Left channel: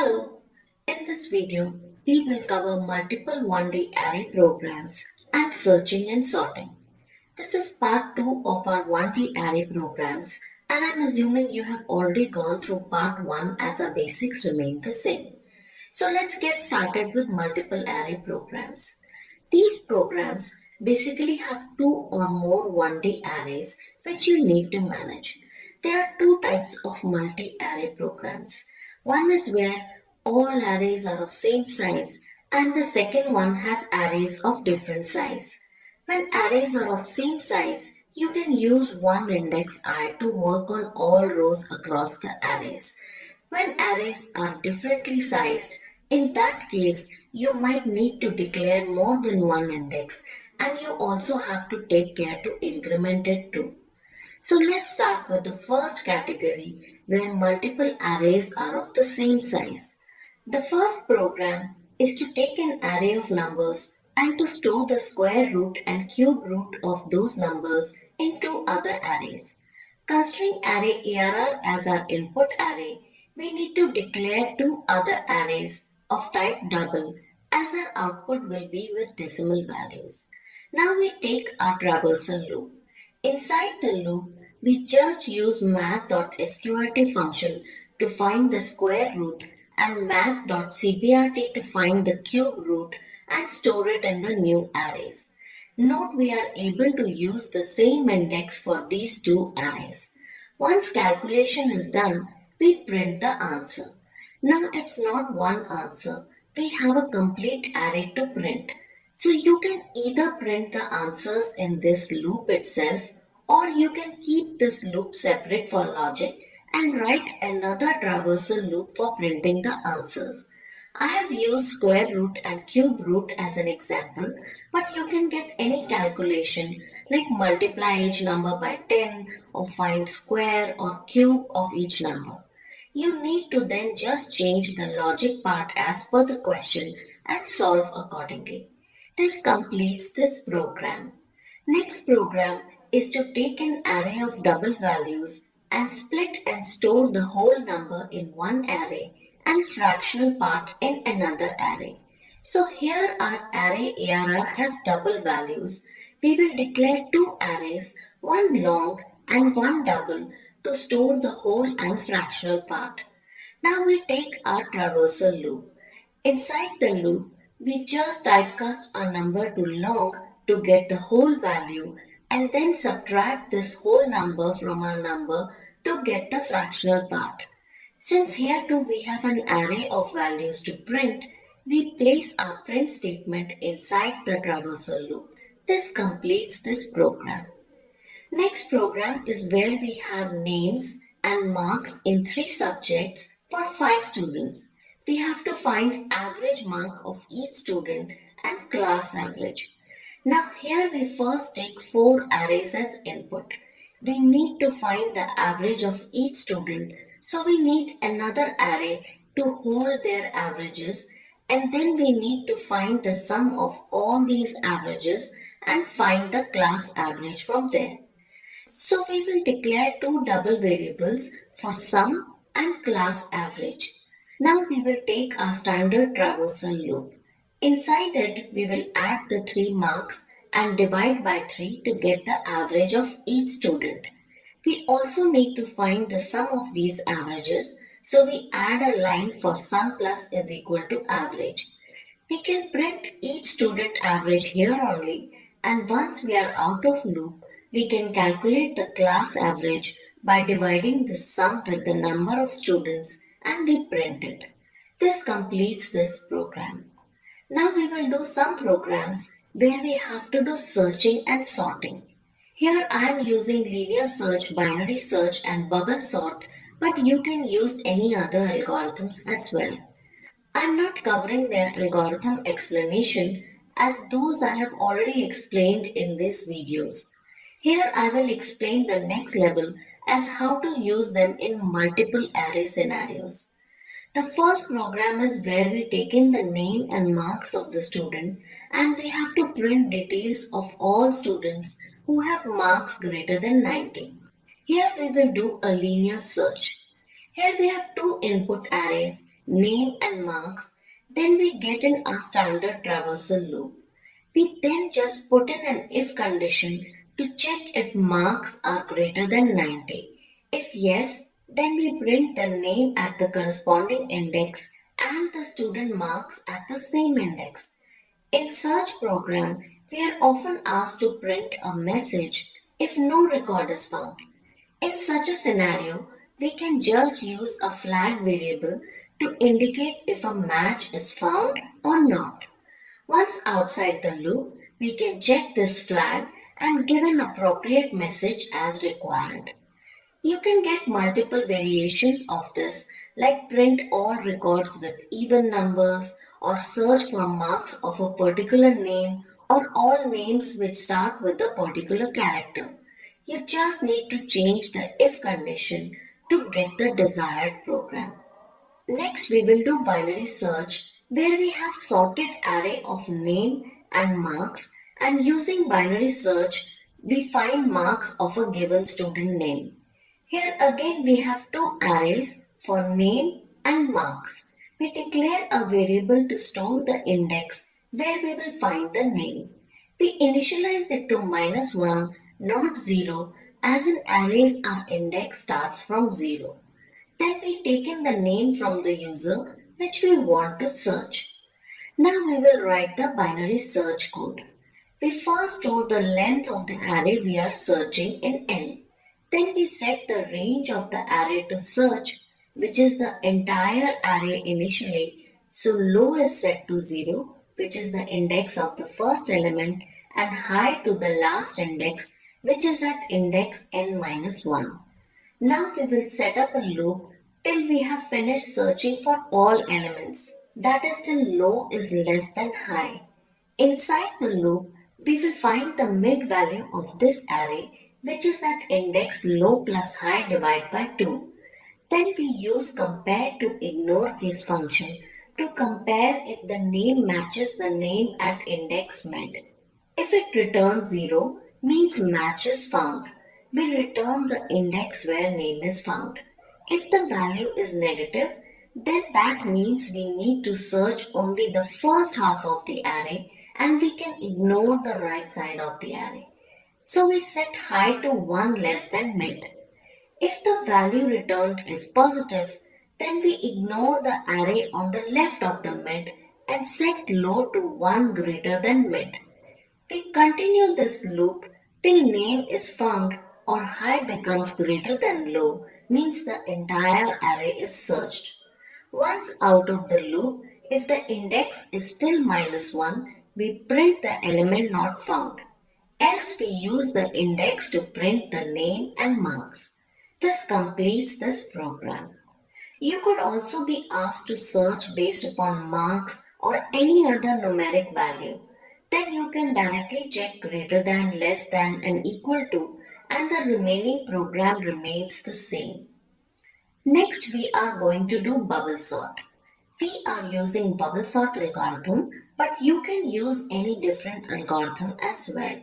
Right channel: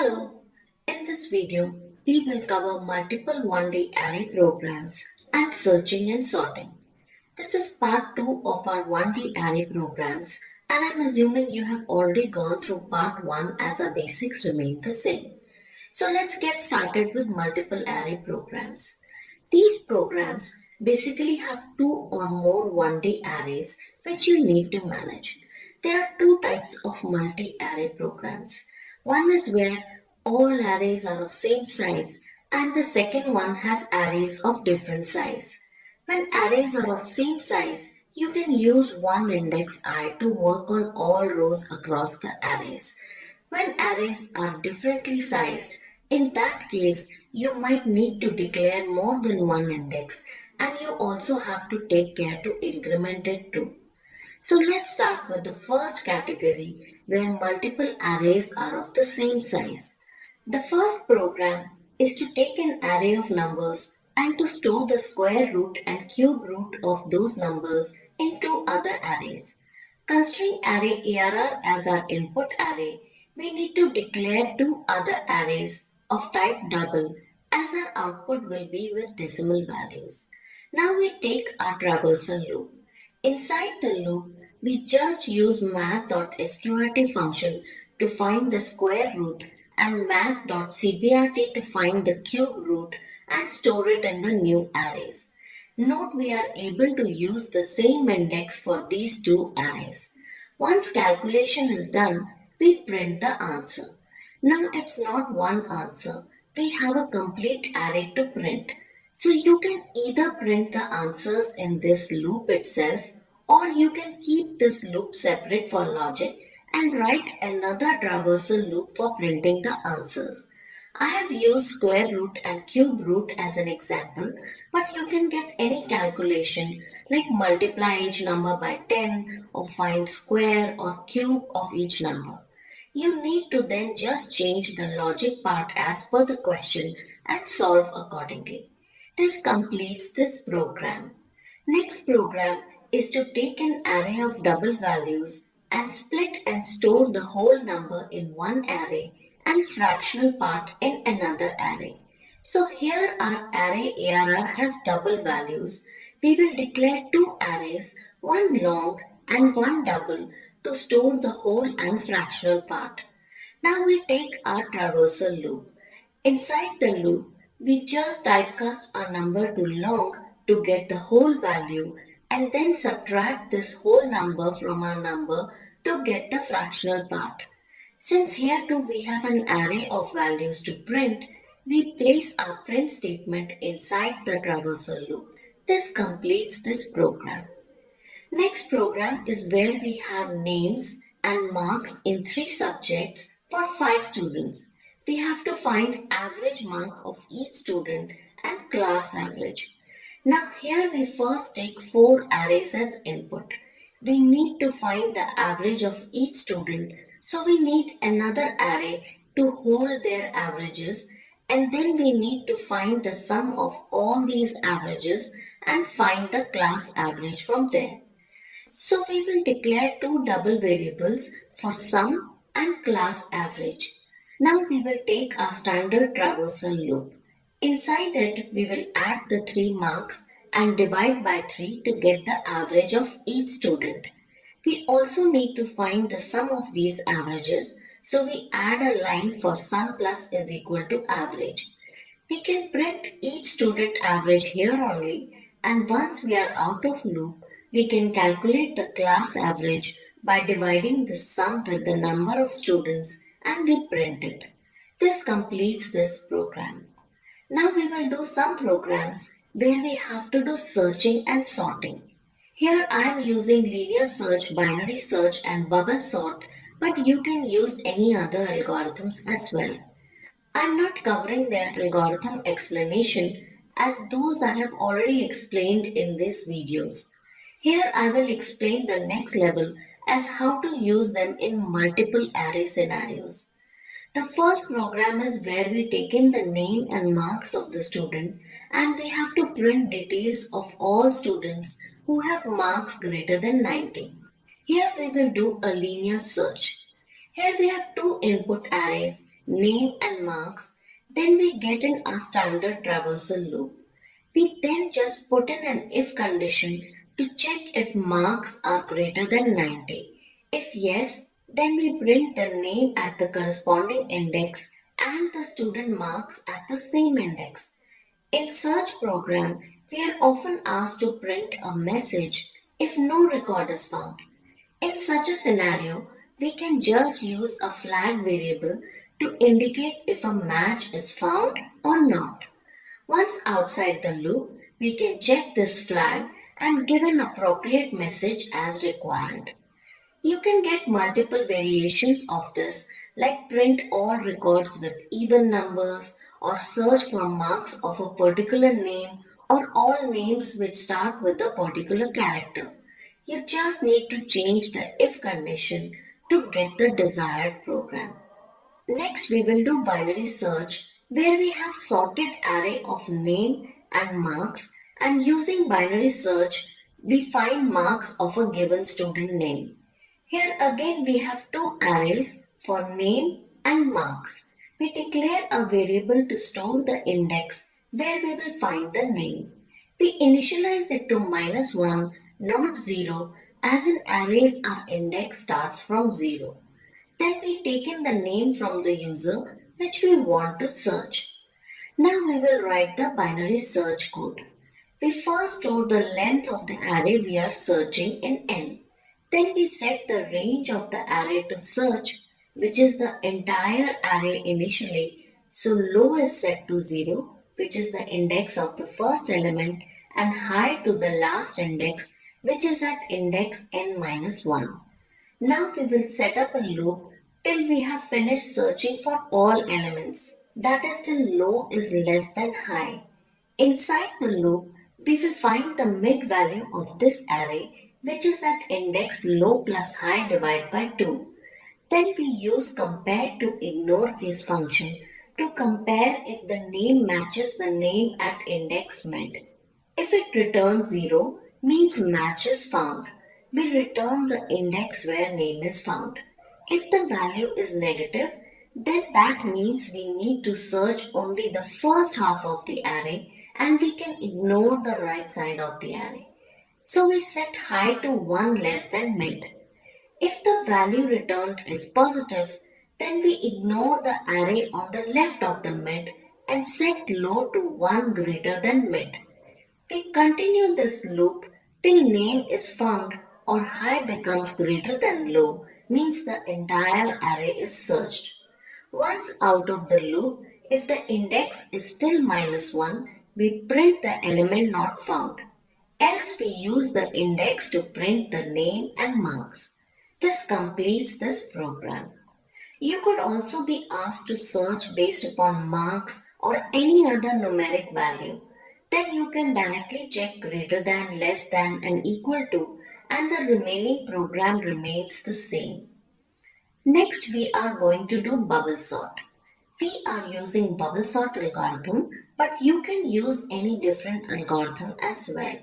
Hello, in this video, we will cover multiple 1D array programs and searching and sorting. This is part 2 of our 1D array programs, and I'm assuming you have already gone through part 1 as our basics remain the same. So let's get started with multiple array programs. These programs basically have 2 or more 1D arrays which you need to manage. There are 2 types of multi-array programs. One is where all arrays are of same size and the second one has arrays of different size. When arrays are of same size, you can use one index I to work on all rows across the arrays. When arrays are differently sized, in that case, you might need to declare more than one index and you also have to take care to increment it too. So let's start with the first category where multiple arrays are of the same size. The first program is to take an array of numbers and to store the square root and cube root of those numbers into other arrays. Considering array ARR as our input array, we need to declare 2 other arrays of type double as our output will be with decimal values. Now we take our traversal loop. Inside the loop, we just use math.sqrt function to find the square root and math.cbrt to find the cube root and store it in the new arrays. Note we are able to use the same index for these 2 arrays. Once calculation is done, we print the answer. Now it's not one answer, we have a complete array to print. So you can either print the answers in this loop itself or you can keep this loop separate for logic and write another traversal loop for printing the answers. I have used square root and cube root as an example, but you can get any calculation like multiply each number by 10 or find square or cube of each number. You need to then just change the logic part as per the question and solve accordingly. This completes this program. Next program is to take an array of double values and split and store the whole number in one array and fractional part in another array. So here our array ARR has double values. We will declare 2 arrays, one long and one double to store the whole and fractional part. Now we take our traversal loop. Inside the loop, we just typecast our number to long to get the whole value and then subtract this whole number from our number to get the fractional part. Since here too we have an array of values to print, we place our print statement inside the traversal loop. This completes this program. Next program is where we have names and marks in 3 subjects for 5 students. We have to find average mark of each student and class average. Now here we first take 4 arrays as input. We need to find the average of each student, so we need another array to hold their averages, and then we need to find the sum of all these averages and find the class average from there. So we will declare 2 double variables for sum and class average. Now we will take our standard traversal loop. Inside it, we will add the 3 marks and divide by 3 to get the average of each student. We also need to find the sum of these averages, so we add a line for sum plus is equal to average. We can print each student average here only, and once we are out of loop, we can calculate the class average by dividing the sum with the number of students and we print it. This completes this program. Now we will do some programs where we have to do searching and sorting. Here I am using linear search, binary search and bubble sort, but you can use any other algorithms as well. I am not covering their algorithm explanation as those I have already explained in these videos. Here I will explain the next level as how to use them in multiple array scenarios. The first program is where we take in the name and marks of the student and we have to print details of all students who have marks greater than 90. Here we will do a linear search. Here we have 2 input arrays name and marks, then we get in our standard traversal loop. We then just put in an if condition to check if marks are greater than 90. If yes, then we print the name at the corresponding index and the student marks at the same index. In such program, we are often asked to print a message if no record is found. In such a scenario, we can just use a flag variable to indicate if a match is found or not. Once outside the loop, we can check this flag and give an appropriate message as required. You can get multiple variations of this, like print all records with even numbers, or search for marks of a particular name, or all names which start with a particular character. You just need to change the if condition to get the desired program. Next, we will do binary search, where we have sorted array of name and marks, and using binary search, we find marks of a given student name. Here again we have two arrays for name and marks. We declare a variable to store the index where we will find the name. We initialize it to -1, not 0, as in arrays our index starts from 0. Then we take in the name from the user which we want to search. Now we will write the binary search code. We first store the length of the array we are searching in n. Then we set the range of the array to search, which is the entire array initially. So low is set to 0, which is the index of the first element, and high to the last index, which is at index n-1. Now we will set up a loop till we have finished searching for all elements. That is till low is less than high. Inside the loop, we will find the mid value of this array, which is at index low plus high divided by 2. Then we use compare to ignore case function to compare if the name matches the name at index mid. If it returns 0, means match is found. We return the index where name is found. If the value is negative, then that means we need to search only the first half of the array and we can ignore the right side of the array. So we set high to 1 less than mid. If the value returned is positive, then we ignore the array on the left of the mid and set low to 1 greater than mid. We continue this loop till name is found or high becomes greater than low, means the entire array is searched. Once out of the loop, if the index is still -1, we print the element not found. Else we use the index to print the name and marks. This completes this program. You could also be asked to search based upon marks or any other numeric value. Then you can directly check greater than, less than, and equal to, and the remaining program remains the same. Next, we are going to do bubble sort. We are using bubble sort algorithm, but you can use any different algorithm as well.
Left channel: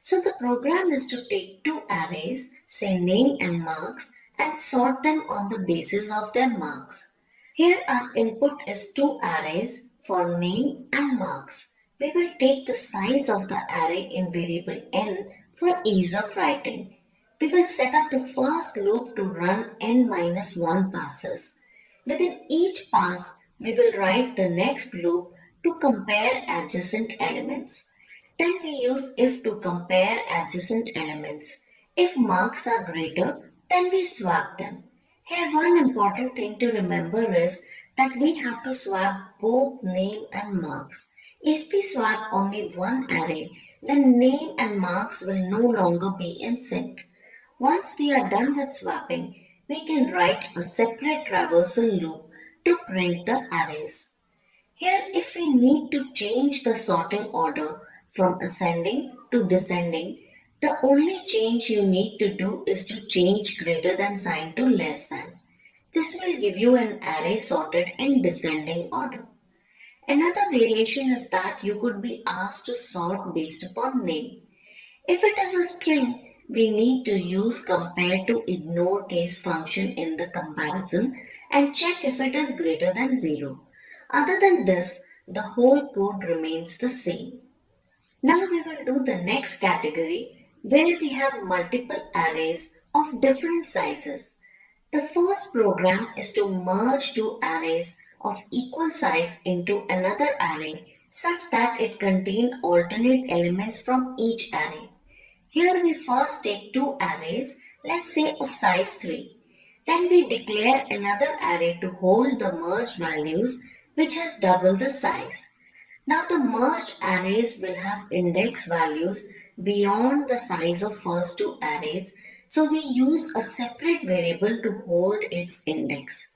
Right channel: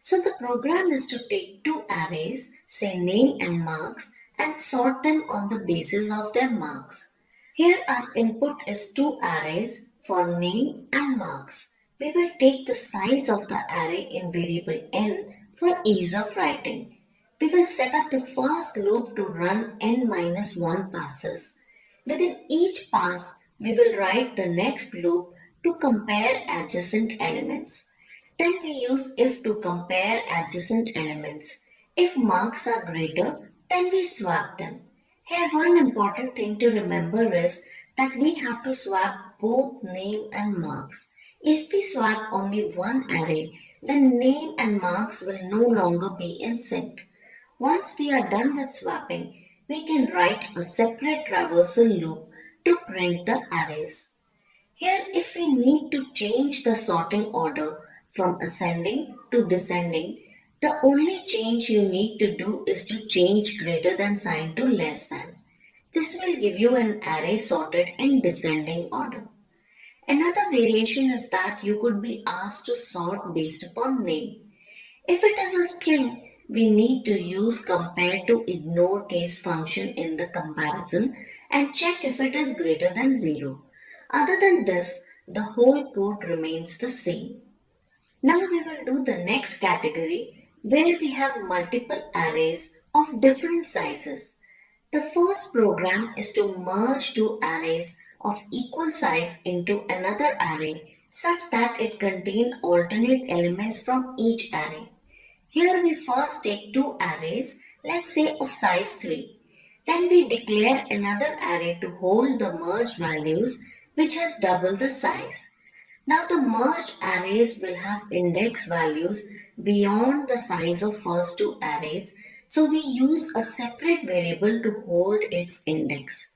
So the program is to take two arrays, say name and marks, and sort them on the basis of their marks. Here our input is two arrays for name and marks. We will take the size of the array in variable n for ease of writing. We will set up the first loop to run n-1 passes. Within each pass, we will write the next loop to compare adjacent elements. Then we use if to compare adjacent elements. If marks are greater, then we swap them. Here one important thing to remember is that we have to swap both name and marks. If we swap only one array, then name and marks will no longer be in sync. Once we are done with swapping, we can write a separate traversal loop to print the arrays. Here, if we need to change the sorting order from ascending to descending, the only change you need to do is to change greater than sign to less than. This will give you an array sorted in descending order. Another variation is that you could be asked to sort based upon name. If it is a string, we need to use compare to ignore case function in the comparison and check if it is greater than 0. Other than this, the whole code remains the same. Now we will do the next category where we have multiple arrays of different sizes. The first program is to merge two arrays of equal size into another array such that it contains alternate elements from each array. Here we first take two arrays, let's say of size 3. Then we declare another array to hold the merged values which has double the size. Now the merged arrays will have index values beyond the size of first two arrays, so we use a separate variable to hold its index.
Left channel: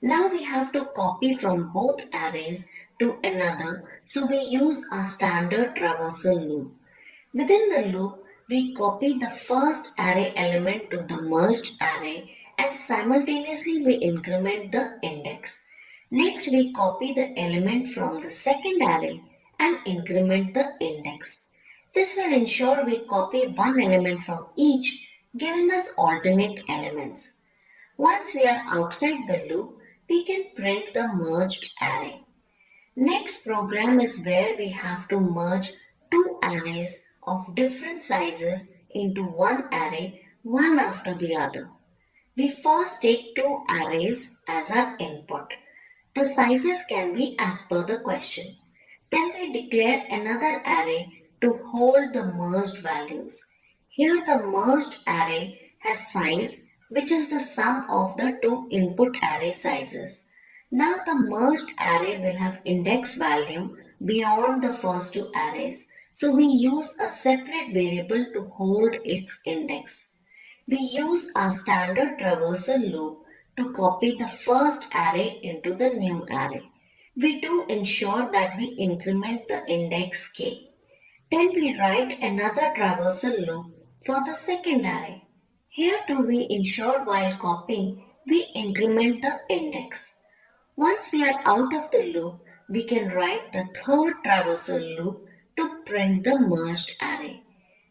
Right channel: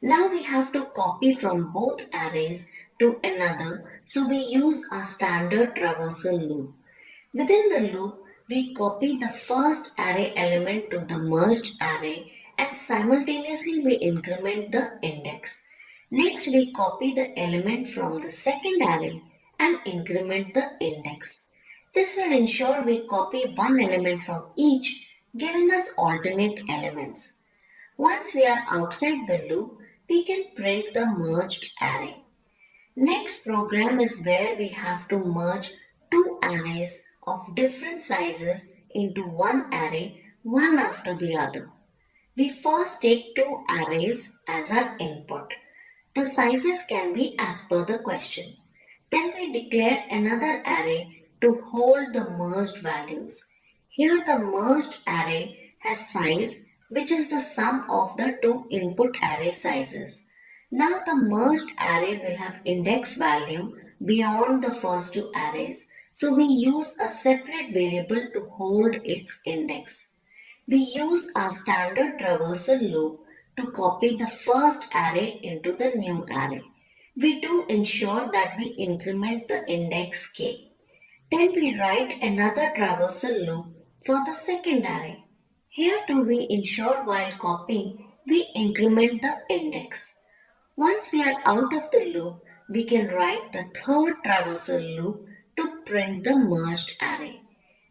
Now we have to copy from both arrays to another, so we use our standard traversal loop. Within the loop, we copy the first array element to the merged array and simultaneously we increment the index. Next, we copy the element from the second array and increment the index. This will ensure we copy one element from each, giving us alternate elements. Once we are outside the loop, we can print the merged array. Next program is where we have to merge two arrays of different sizes into one array, one after the other. We first take two arrays as our input. The sizes can be as per the question. Then we declare another array to hold the merged values. Here the merged array has size which is the sum of the two input array sizes. Now the merged array will have index value beyond the first two arrays, so we use a separate variable to hold its index. We use our standard traversal loop to copy the first array into the new array. We do ensure that we increment the index k. Then we write another traversal loop for the second array. Here too we ensure while copying, we increment the index. Once we are out of the loop, we can write the third traversal loop to print the merged array.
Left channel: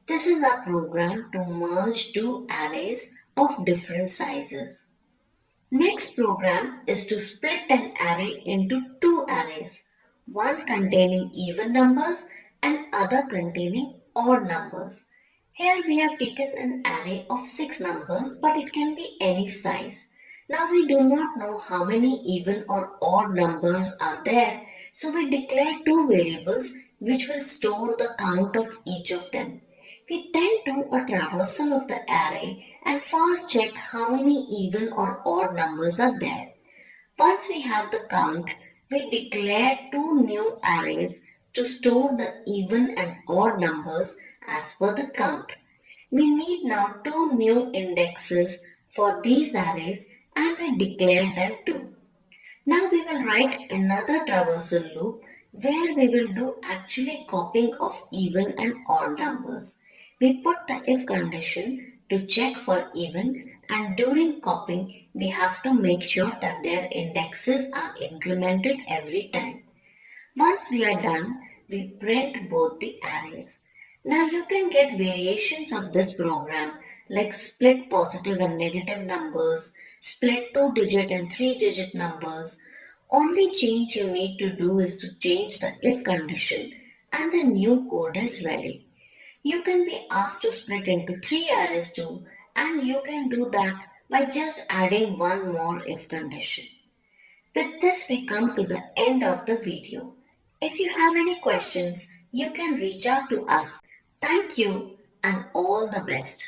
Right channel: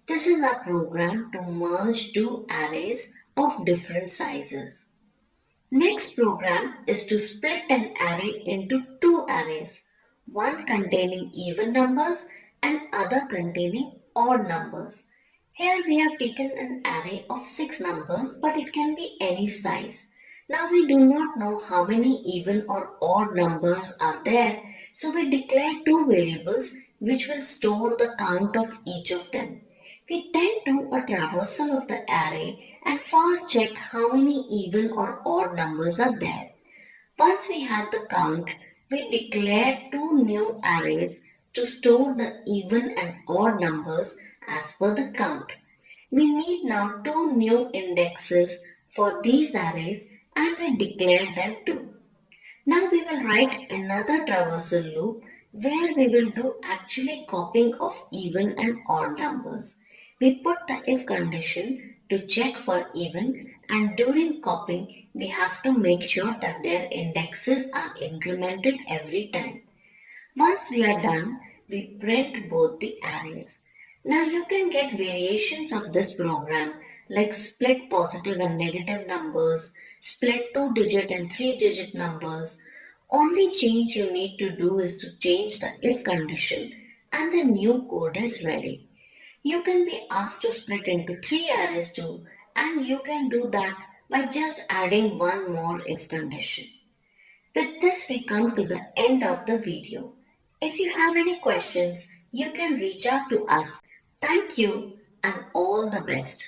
This is our program to merge two arrays of different sizes. Next program is to split an array into two arrays, one containing even numbers and other containing odd numbers. Here we have taken an array of 6 numbers, but it can be any size. Now we do not know how many even or odd numbers are there, so we declare two variables which will store the count of each of them. We then do a traversal of the array and first check how many even or odd numbers are there. Once we have the count, we declare two new arrays to store the even and odd numbers as per the count. We need now two new indexes for these arrays and we declare them too. Now we will write another traversal loop where we will do actually copying of even and odd numbers. We put the if condition to check for even, and during copying we have to make sure that their indexes are incremented every time. Once we are done, we print both the arrays. Now you can get variations of this program like split positive and negative numbers, split 2-digit and 3-digit numbers. Only change you need to do is to change the if condition and the new code is ready. You can be asked to split into 3 arrays too, and you can do that by just adding one more if condition. With this we come to the end of the video. If you have any questions, you can reach out to us. Thank you and all the best.